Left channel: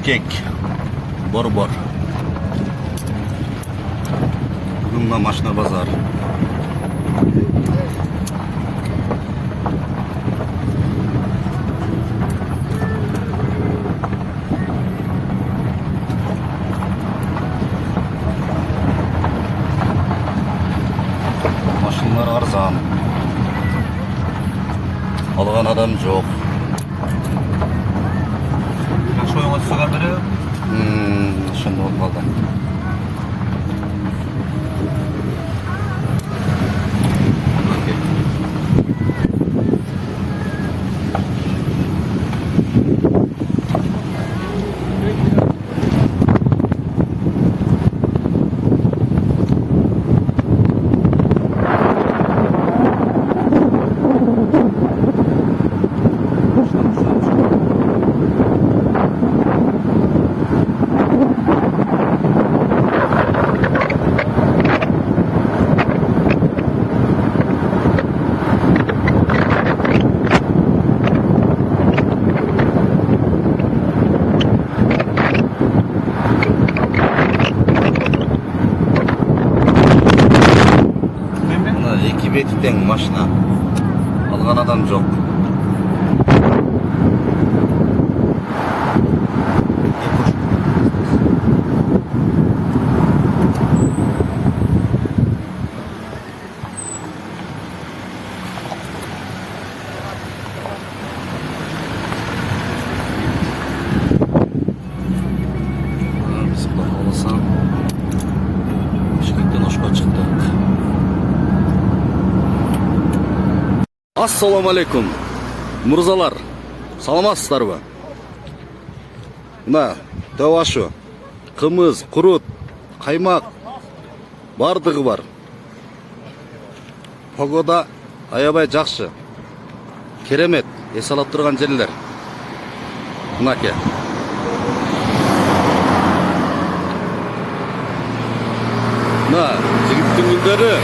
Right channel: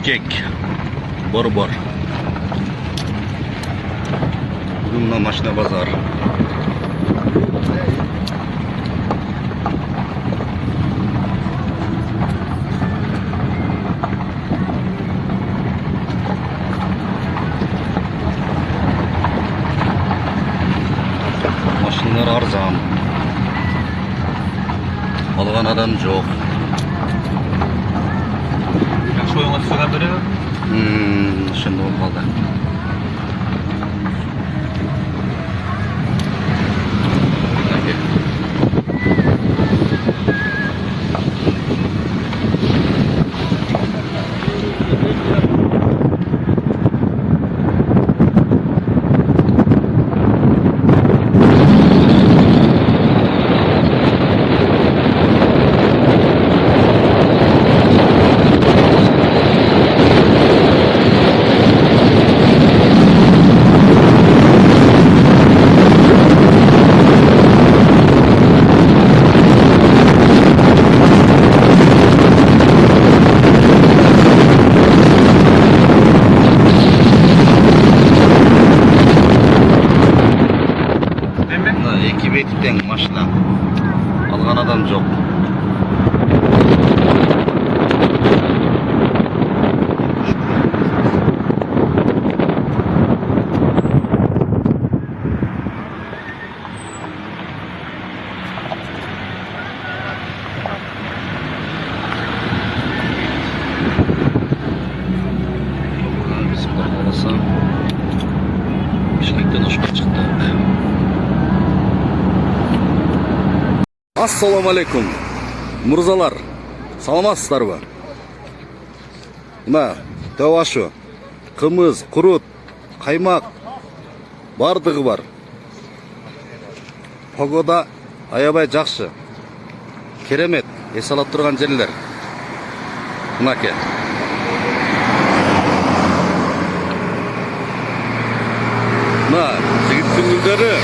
Бишкек, Борбор. Бүгін мына машина базар. Машиналар арзан. Алған адам жоқ. Шойыңа түсірген бірі? Шынды болып қалды. Екі беттен машина. Алған адам жоқ. Біз құлақ қаласа Бишкектен Ошқа шықтық. Ассаламу алейкум, мұрзалар, саламатсыздар ба? Мына тауашу, қымыз, құрут, қаймақ бардығы бар. Погода аябай жақсы. Керемет, есалап тұрған жерлер. Мынаке. Мына жігіттің гүлдері